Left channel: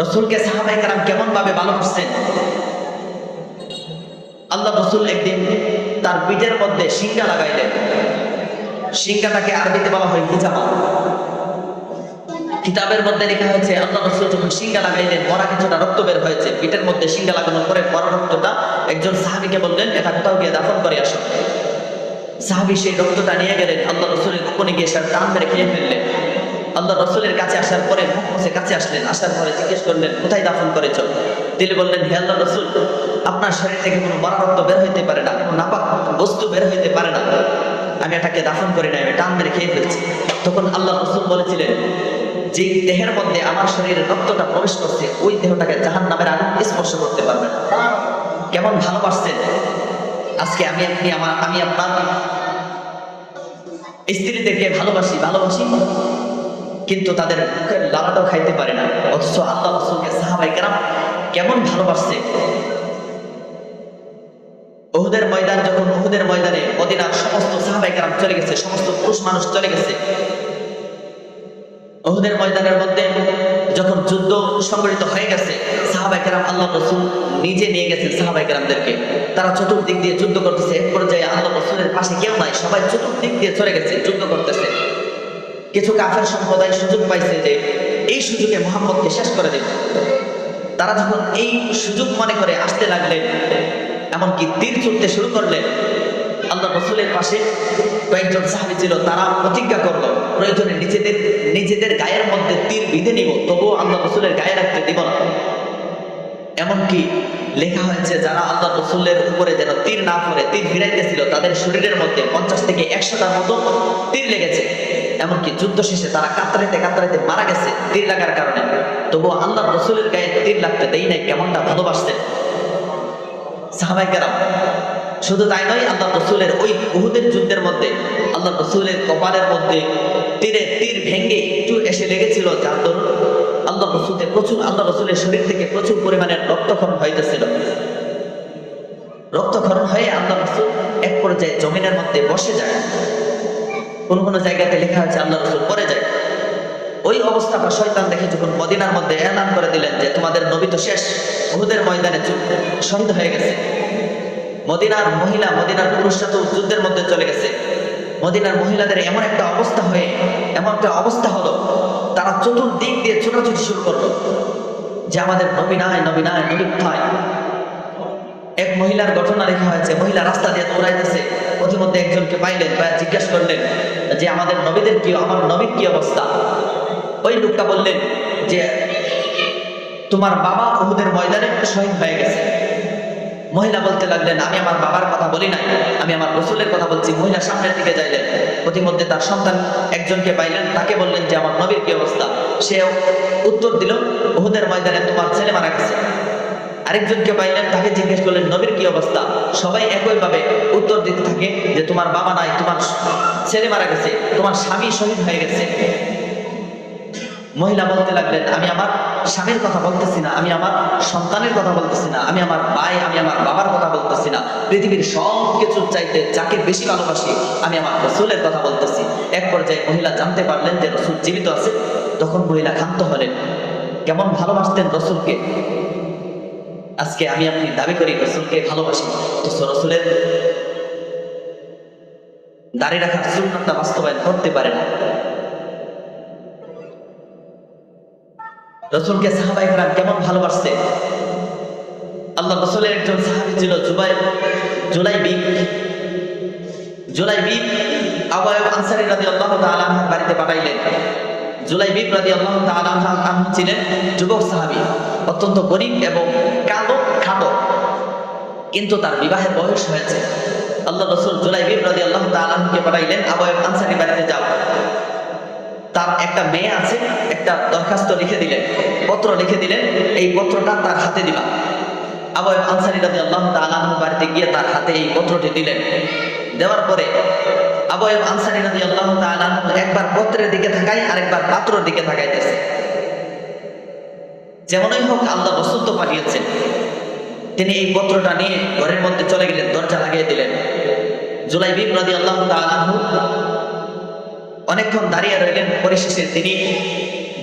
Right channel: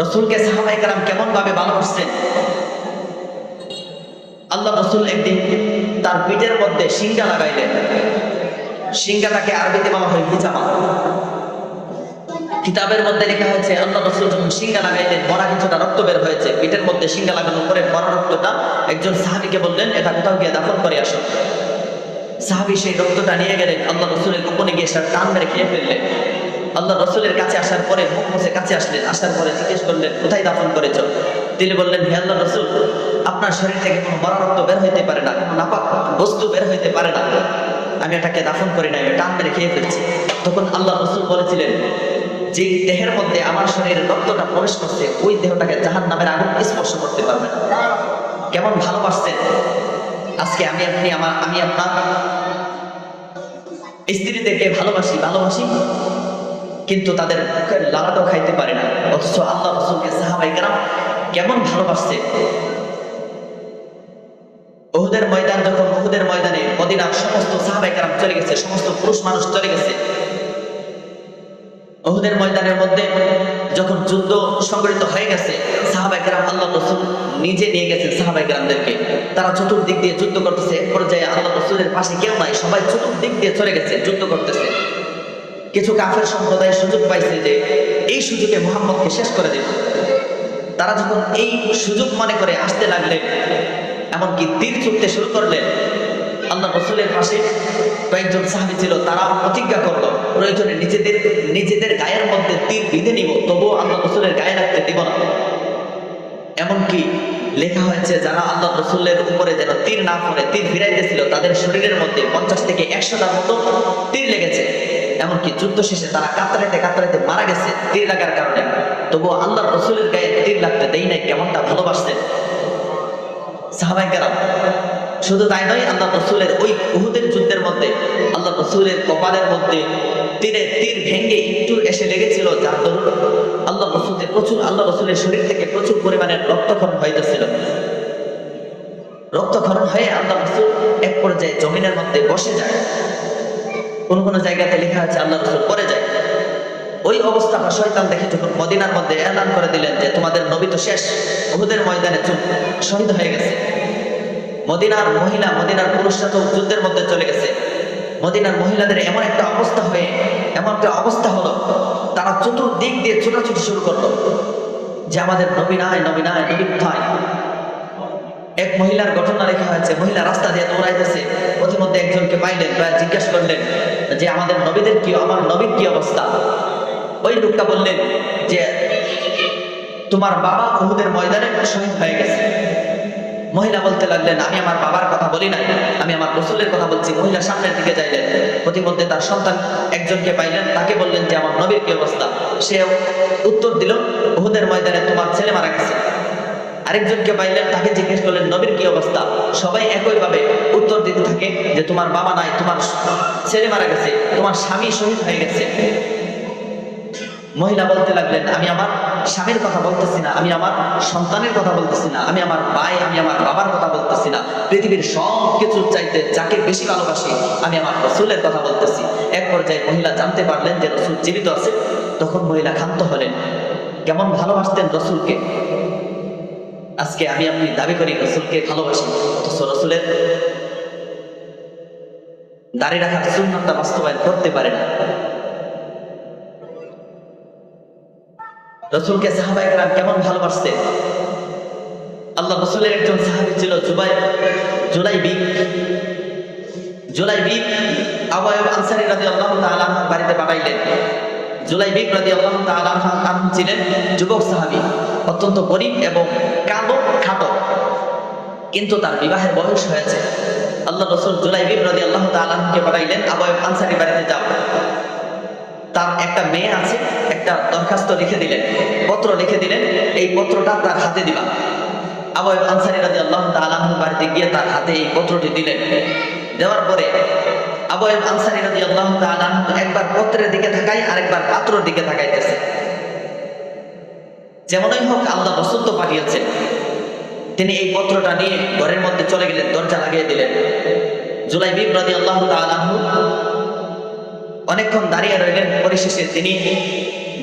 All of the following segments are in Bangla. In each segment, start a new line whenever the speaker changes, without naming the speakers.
রসুলকে সাহাবাই কারাম কেমন ভাবে ভালোবাসছেন আল্লাহ রসুল একদিন তার পিঠের মধ্যে সিঙ্গা লাগাইলেন। সিঙ্গাটাকে আরবিতে বলা হয় হিজামা। কিতাবের মধ্যে লেখা হয়েছে, আল্লাহ রসুল যখন সিঙ্গা লাগাইলেন, মরা কিছুটা রক্ত বের হয়েছে। পিঠের মধ্যে সিঙ্গা লাগানোর পরে মরা রক্তটা একজন সাহাবিকে বললেন, এটা কোথাও গিয়ে দাফন করে আসো। সাহাবি সেই রক্তটা নিয়ে গেলেন, আল্লাহ রসুলের গোপনে গিয়ে সেটা টান মেরে খেয়ে ফেললেন। আল্লাহ রসুলের কাছে আসার পরে মুখ কাছে আসলেন, আসার পরে জিজ্ঞেস করলেন, কোথায় দাফন করেছ? তিনি বললেন, হে আল্লাহ রসুল, আপনার শরীর থেকে কোনো মরা রক্ত বের হইতে পারে না, কোনো নাপাক বস্তু বের হইতে পারে না। আমি এটাকে দাফন করি না আমি টান মেরে খেয়ে ফেলছি। তখন আল্লাহ রসুল বলেছিলেন, যেই দেহের মধ্যে আমার শরীরের রক্তটা প্রবেশ করছে, ওই দেহটাকে জাহান নামের আগুন স্পর্শ করতে পারবে না। কেমন ভালোবাসছেন আজকে আমি আপনি আমার, আমি আপনার স্ত্রীদেরকে ভালোবাসি ভালোবাসি। কিন্তু তাদের মুখের লালাটাও খাইতে পারে না। অথচ আল্লাহ রসুলকে সাহাবাই কেরাম কেমন ভালোবাসছে। ওহুদের ময়দান, যখন ওহুদের ময়দানে মদিনার সমস্ত সাহাবাই কেরাম চলে গেছে, সমস্ত পুরুষ মানুষ চলে গেছে ওহুদের ময়দানের মধ্যে যখন যুদ্ধ সংগঠিত হয়ে গেছে সাহাবাই কেরাম আল্লাহ রসুল নিজে নিয়ে গেছেন সাহাবাই কেরামদেরকে। তারা চতুর্দিক দিয়ে যুদ্ধ করতেছে, এক পর্যায়ে আল্লাহ রসুলের পাশে কেউ নাই, সবাই চতুর্দিক দিয়ে চলে গেছে, যুদ্ধ করতেছে। কিছু কাফের সম্প্রদায় সুযোগ পাইছে যে এই সুযোগে মোহাম্মদকে শেষ করে দেবে। তারা যখন এই সুযোগ মনে করে আসতে লাগলেন, এমনকি তীর ছুটতে শুরু করলেন আল্লাহ রসুলের পাশে কয়েকজন সাহাবি ছিল, তারা প্রতিজ্ঞা করল, প্রয়োজনে নিজেদের নিজেদের গায়ের মধ্যে তীর বিঁধে নিব, তবুও আল্লাহ রসুলের গায়ে রাখতে দিব না। এমনকি লেখা হয়েছে, যারা আল্লাহ রসুলের উপরে যেন তীর না পড়ে, তীর ফিরাইতেছিল, তাদের শরীরের মধ্যে পঞ্চাশ থেকে একশোটার মতো তীর লেগেছে। এমনকি যুদ্ধ শেষে তারা কাতরাইতে কাতরাইতে মারা গেছে তীর লাগার কারণে। তবুও আল্লাহ রসুলের গায়ে তীর লাগতে দেই নাই, কেমনটা ভালোবাসতে। সাহাবাই শুধু তাই নয় আল্লাহ রসুলের ওই উহুদের যুদ্ধের মধ্যে আল্লাহ রসুলের কপালের মধ্যে তীরে তীর ভেঙ্গে একটু এসে লেগেছিল, যার দরুন আল্লাহ রসুলের প্রচুর আল্লাহ রসুলের শরীর থেকে প্রচুর পরিমাণের রক্তক্ষরণ হইতেছিল। রক্তক্ষরণ হয়ে আল্লাহ রসুল এক পর্যায়ে জমিনের মধ্যে বসে যায়। কোন কোন জায়গাতে লেখা আছে, আল্লাহ রসুল পরে যায়। ওই অবস্থাটা শৈতান দেখে যখন মদিনার মধ্যে এলান করে দিলেন যে তোমাদের নবী তো শেষ, উহুদের ময়দানে চুল শহীদ হয়ে গেছে। মদিনার মহিলা, মদিনার পুরুষরা তো যুদ্ধের মধ্যে চলে গেছে। মদিনার মহিলাদের এমন একটা অবস্থা হয়ে, এমন একটা অবস্থা হলো, তারা চতুর্দিক দিয়ে ছোটাছুটি শুরু করল যে আমাদের নবী নাই নবী নাই, নবী কোথায়? এক মহিলার ঘটনা লেখা হয়েছে, মহিলা রাস্তা দিয়ে দৌড়াইতেছে প্রতিমধ্যে একজনকে পাইলেন বা জিজ্ঞাসা করলেন যে আমাদের নবীদের কি, আমার নবীর কি অবস্থা? ওই লোকটা বললেন যে, তোমার বাবা উহুদের ময়দানে শহীদ হয়ে গেছে। মহিলা বলতে লাগলেন, আমি আমার বাবার কথা বলি নাই। আমি আমার রসুলের কথা বলছি। মহিলা সামনের দিকে যাইলেন। প্রতিমধ্যে তার সন্তান একজনকে পাইলেন। তাকে বললেন যে, আমার নবীর কি অবস্থা? সে উত্তর দিল, উহুদের ময়দানে তোমার ছেলে মারা গেছে। আরেকজনকে পাইলেন, তাকে জিজ্ঞেস করলেন, নবীর কি অবস্থা? সবাই একইভাবে উত্তর দিতে থাকে যে, তোমার বাবা নাই, তোমার ছেলে মারা গেছে, তোমার স্বামী শহীদ হয়ে গেছে। মহিলা বলতে লাগলেন, আমি আমার স্বামীর কথা বলতেছি না, আমি আমার সন্তানের কথা বলতেছি না, আমি আমার ভাই, আমি আমার বাবার কথা বলতেছি না। পৃথিবীর সব কিছু চাইতে যাকে বেশি ভালোবাসি, আমি আমার রসুলের কথা বলতেছি। এক পর্যায়ে মহিলা জানতে পারলেন যে রসুল জীবিত আছে। তখন মহিলা ক্ষান্ত হলেন, কেমন ভালোবাসতেন রসুলকে? আজকে আমি আপনি দাবি করি রসুলকে ভালোবাসি তো রসুলের দাঁড়িয়ে রাখার সুন্নতটা বাস্তবায়ন করতে পারে না। রসুলকে সাহাবাই গ্রাম কেমন ভালোবাসছে আল্লাহ রসুলের একজন সাহাবি ছিল জুবাই জুলাই বিপ জুলাই বিপ আবায়ব আনসারি রাজি আল্লাহ তালাহার বাড়িতে পাঠাইলেন। জুলাই বিপ রাজি আল্লাহ তালাহ ছিলেন যুবক সাহাবি, অত্যন্ত গরিব এবং কালো খাটো। কিন্তু তার বিবাহের বয়স হয়েছে। আল্লাহ রসুল জুলাই বিপ রাজি আল্লাহ তালাহকে পাঠাইলেন আবায়ব আনসারি বাড়িতে যাও। তার একটা মেয়ে আছে, একটা দরখাস্ত লিখে দিলেন, পত্র লিখে দিলেন, এই পত্রটা তার হাতে দিবা। আবয় আনসারি রাজি আল্লাহ তালাহ বাড়িতে গিয়ে তার হাতে এই পত্রটি দিলেন। দেওয়ার পরে আবয় আনসারি রাজি আল্লাহ তালাহ একবার পত্রের দিকে থাকায় আরেকবার পাত্রর দিকে থাকাইতেছে যেমনই হোক আল্লাহ রসুল তো পাঠিয়েছেন। তিনি এই পত্রটা নিয়ে ঘরের মধ্যে চলে গেলেন, দরজা লাগিয়ে দিলেন। জুলাই বিব রাজি আল্লাহ তালাহ অনেকক্ষণ দাঁড়িয়ে রইলেন, পরিশেষে তিনি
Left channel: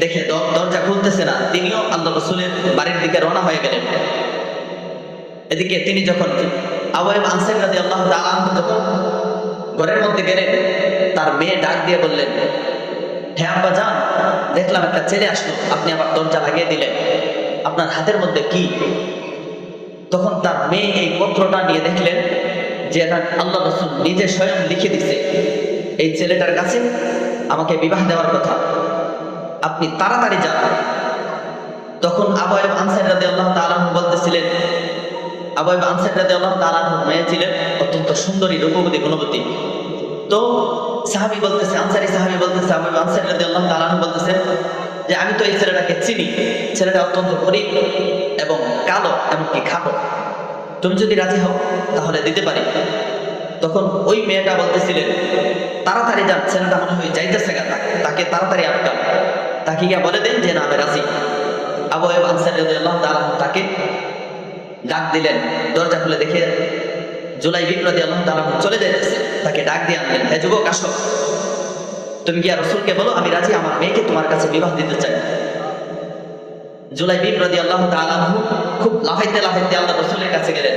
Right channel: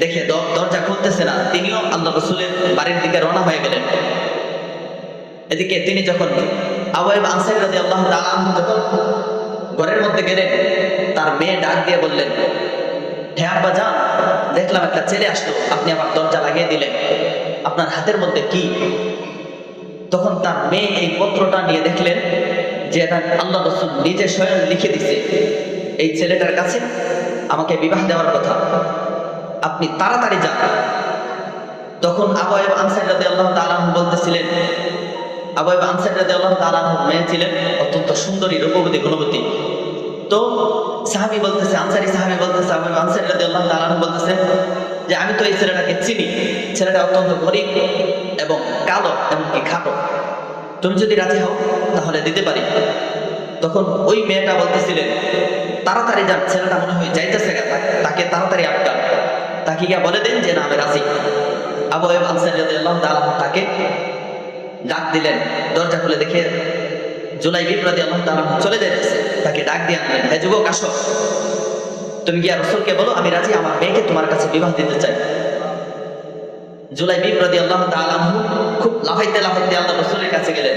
দেখে দরজা খুলতেছে না, তিনিও আল্লাহ রসুলের বাড়ির দিকে রওনা হয়ে গেলেন। এদিকে তিনি যখন আওয়াইব আনসার রাজি আল্লাহ তাআলা যখন ঘরের মধ্যে গেলেন, তার মেয়ে ডাক দিয়ে বললেন হ্যাঁ আব্বা যান দেখলাম একটা ছেলে আসলো, আপনি আমার দরজা লাগিয়ে দিলেন। আপনার হাতের মধ্যে কি তখন তার মেয়ে এই পত্রটা নিয়ে দেখলেন যে এটা আল্লাহ রসুল নিজে স্বয়ং লিখে দিছে, এই ছেলেটার কাছে আমাকে বিবাহ দেওয়ার কথা, আপনি তাড়াতাড়ি যান। তখন আবয়েব আনসার রাদি আল্লাহ তালাহ বলতেছিলেন আবয়েব আনসার রাদি আল্লাহ তালাহ মেয়ে ছিলেন, অত্যন্ত সুন্দরী রূপবতী গুণবতী। তো সাহাবি বলতেছে, আনসারি সাহাবি বলতেছে আবয়েব আনসার রাদি আল্লাহ তালাহ বলতেছেন যে, আমি তো এই ছেলেটাকে চিনি, ছেলেটা অত্যন্ত গরিব। এবং কালো এমনকি খাটো। তুমি যদি রাজি হও তাহলে দিতে পারি। তখন ওই মেয়েটা বলতেছিলেন তাড়াতাড়ি যান ছেলেটা মনে হয় যাইতেছে গা, তাকে তাড়াতাড়ি আটকান। তাকে গিয়া বলে দেন যে না আমি রাজি। আবু আয়ুব আনসারী রাদিয়াল্লাহু তাকে ডাক দিলেন দরজা খুলে দেখে জুলাই বিপ্রদি আল্লাহ তাআলা চলে যাইতেছে। তাকে ডাক দিয়ে আনলেন হে যুবক আসো। তুমি গিয়া রসুলকে বলো আমি রাজি আমার মেয়েকে তোমার কাছে বিবাহ দিতে চাই। জুলাই বিপ্রদি আল্লাহ তাআলা আনহু খুব লাফাইতে লাফাইতে আল্লাহ রসুলের কাছে গেলেন।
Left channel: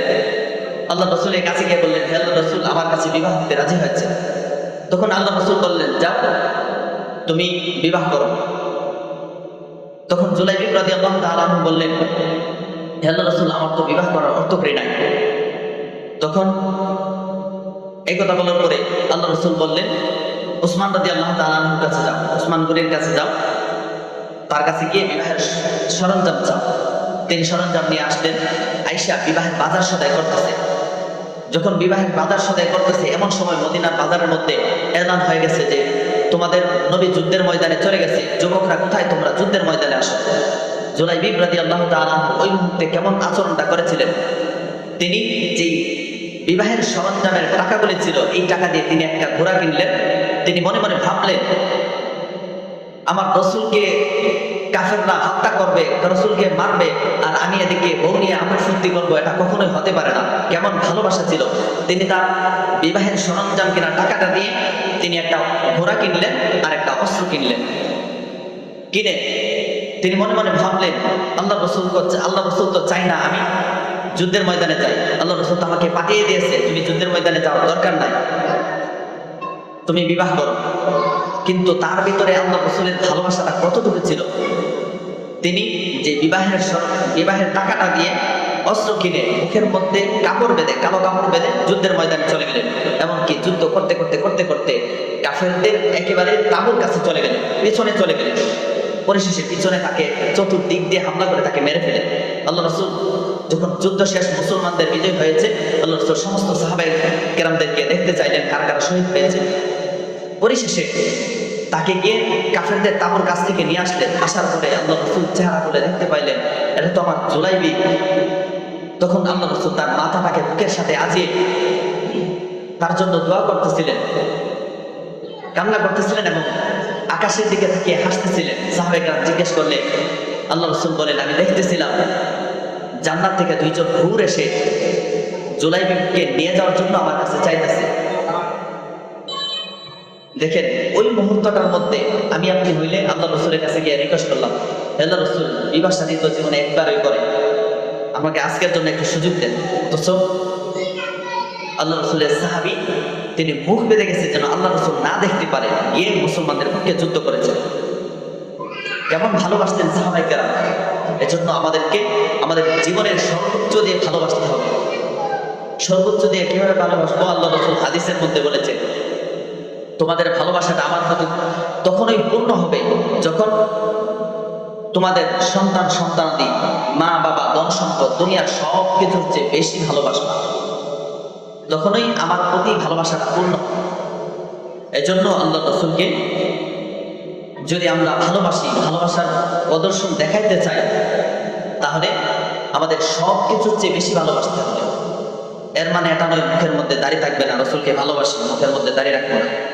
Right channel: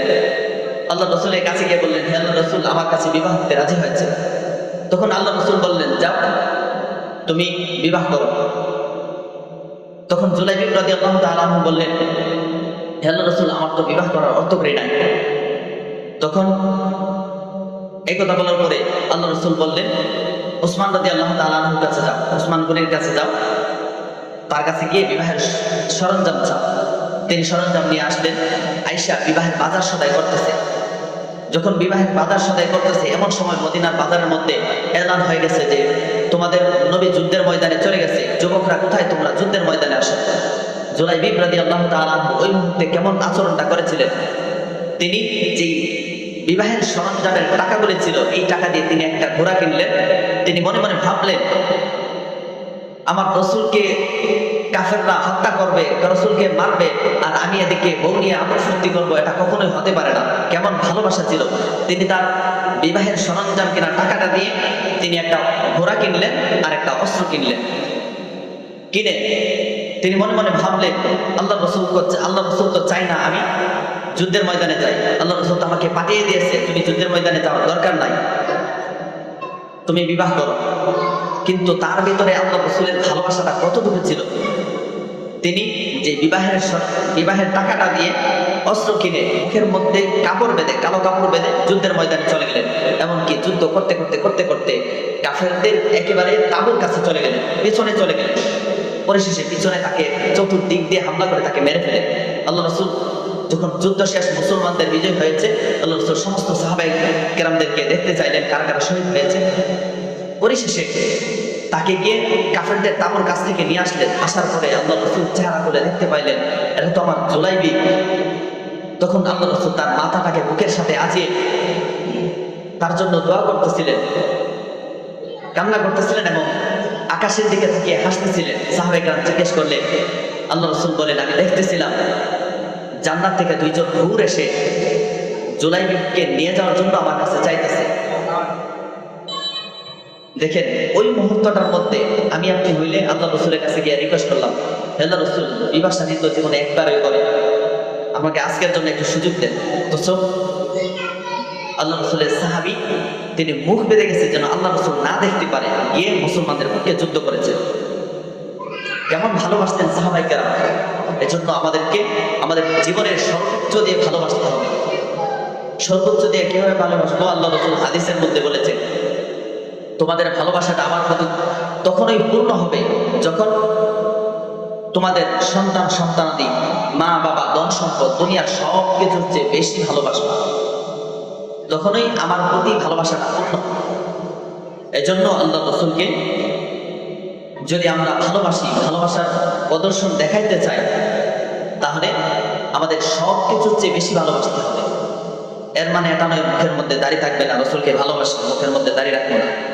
আল্লাহ রসুলের কাছে গিয়ে বললেন, হে আল্লাহ রসুল, আমার কাছে বিবাহ দিতে রাজি হয়েছে। তখন আল্লাহ রসুল বললেন, যাও, তুমি বিবাহ করো। তখন জুলাই বিপ্রদি আল্লাহ তালু বললেন, হে আল্লাহ রসুল, আমার তো বিবাহ করার অর্থ করি নাই। তখন এই কথা বলার পরে আল্লাহ রসুল বললেন, ওসমান রাজি আল্লাহ তালুর কাছে যাও, ওসমান গনির কাছে যাও। তার কাছে গিয়ে বিবাহের সরঞ্জাম চাও তিনি সরঞ্জাম নিয়ে আসলেন, আইসা বিবাহের বাজার সদাই করতেছে। যখন বিবাহের বাজার সদাই করতেছে, এমন সময় মদিনার বাজারের মধ্যে এলান হয়ে গেছে যে, তোমাদের নবী যুদ্ধের ময়দানে চলে গেছে, যুবকরা কোথায়? তোমরা যুদ্ধের ময়দানে আসো। জুলাই বিব্রাদি আল্লাহ তাআলা ওই মুহূর্তে কেমন আচরণটা করেছিলেন? তিনি যেই বিবাহের সরঞ্জামের টাকাগুলি ছিল, এই টাকা দিয়ে তিনি একটা ঘোড়া কিনলেন। তিনি মনে মনে ভাবলেন, আমার রসুলকে কাফেররা হত্যা করবে, রসুলকে মারবে, আর আমি এদিকে বউ নিয়ে আমার ফুর্তি করব, এটা কখনোই হতে পারে না। কেমন ভালোবাসা ছিল। তিনি তার বিবাহের সরঞ্জাম কেনার টাকাটা দিয়ে তিনি একটা ঘোড়া কিনলেন আর একটা অস্ত্র কিনলেন। কিনে তিনি মনে মনে ভাবলেন আল্লাহ রসুল আল্লাহ রসুল তো চাই না আমি যুদ্ধের ময়দানে যাই। আল্লাহ রসুল তো আমাকে পাঠিয়ে দিয়েছে, তুমি যুদ্ধের ময়দানে যাও, দরকার নাই। তুমি বিবাহ করো। কিন্তু তার ভিতরে আল্লাহ রসুলের ভালোবাসাটা কতটুকু ছিল? তিনি যে বিবাহের বিবাহের টাকাটা দিয়ে অস্ত্র কিনে মুখের মধ্যে কাপড় বেঁধে, কালো কাপড় বেঁধে যুদ্ধের ময়দানে চলে গেলেন। এমনকি যুদ্ধ করতে করতে করতে করতে কাফেরদের একেবারে তাবুর কাছে চলে গেলেন, পিছনে চলে গেলেন। পরিশেষে পিছনে তাকে চতুর্দিক দিয়ে হামলা করে তাকে মেরে ফেলে আল্লাহ রসুল যখন যুদ্ধ শেষ মুসলমানদের বিজয় হয়েছে, আল্লাহ রসুল সমস্ত সাহাবাই কেরামদেরকে দেখতে চাইলেন কারা কারা শহীদ হয়েছে। পরিশেষে তাকে গিয়ে কাফেরদের তাবুর কাছ থেকে নিয়ে আসলেন। আসার পরে আল্লাহ রসুল চেহারা করে দেখতে পাইলেন, এটা তো আমার জুলাইবি। তখন আল্লাহ রসুল তার মাথাটাকে বুকের সাথে আজিয়ে তার জন্য দোয়া করতেছিলেন। কান্না করতেছিলেন এবং আকাশের দিকে তাকিয়ে হাসতেছিলেন। সাহাবে সাহাবেকরাম জিজ্ঞেস করলে, আল্লাহ রসুল বলেন, আমি দেখতেছিলাম জান্নাত থেকে দুইজন হুর এসে জুলাইবিকে নিয়ে যাওয়ার জন্য আমার কাছে চাইতেছে। দেখেন, ওই মুহূর্তটার মধ্যে আমি আপনি হইলে আল্লাহ রসুলের কাছে গিয়ে রিকোয়েস্ট করলাম, "হে আল্লাহ রসুল বিবাহ সাথী তো জীবনে একবারই করে। আমাকে আজকের জন্য একটু সুযোগ দেন। তো চোখ আল্লাহ রসুলের সাহাবি, তিনি মুখ বেঁধে গেছে যেন আল্লাহ রসুল না দেখতে পারে গিয়ে মুসলমানদের পক্ষে যুদ্ধ করেছেন। কেমন ভালোবাসতেন সাহাবাইকারা এজন্য আমাদেরকে, আমাদের জীবনের সর্বোচ্চ দিয়ে ভালোবাসতে হবে। সর্বোচ্চ দিয়ে কীভাবে ভালোবাসবো? আল্লাহ রসুল হাদিসের মধ্যে বলেছে তোমাদের ভালোবাসাটা আমার প্রতি তখনই পূর্ণ হবে যখন তোমাদের সন্তান, সন্তানাদি, মা, বাবা, ধন সম্পদ, দুনিয়ার সব কিছুর চেয়ে বেশি ভালোবাসবা। তখনই আমার প্রতি ভালোবাসাটা পূর্ণ হবে। এজন্য আল্লাহ রসুলকে যদি আমরা ভালোবাসি, ভালোবাসার প্রদর্শন দেখাইতে চাই, তাহলে আমাদের সব কিছুর চেয়ে বেশি ভালোবাসতে হবে। এর মানে এটা নয় মুখের মধ্যে দাঁড়িয়ে থাকবে না, রসুলকে ভালোবাসি, মুখের মধ্যে দাঁড়িয়ে রাখব না।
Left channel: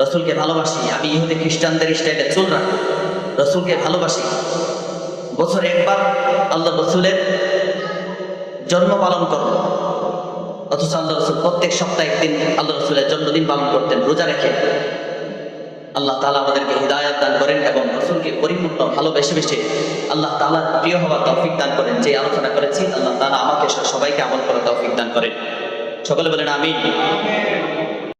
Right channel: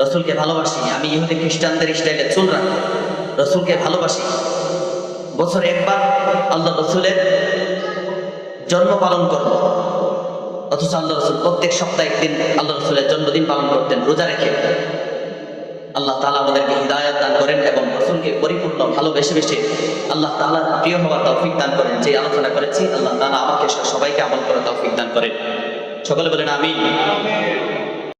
রসুলকে ভালোবাসি, আমি ইহুদি খ্রিস্টানদের স্টাইলে চুল রাখব রসুলকে ভালোবাসি। বছরে একবার আল্লাহ রসুলের জন্ম পালন করব অথচ আল্লাহ রসুল প্রত্যেক সপ্তাহে একদিন আল্লাহ রসুলের জন্মদিন পালন করতেন, রোজা রেখে। আল্লাহ তালা আমাদেরকে হৃদায়ত দান করেন এবং রসুলকে পরিপূর্ণ ভালোবেসে বেসে আল্লাহ তালার প্রিয় হওয়ার তৌফিক দান করেন। যে আলোচনা করেছি, আল্লাহ তালা আমাকে সবাইকে আমল করার তৌফিক দান করেন। সকলে বলেন আমিন।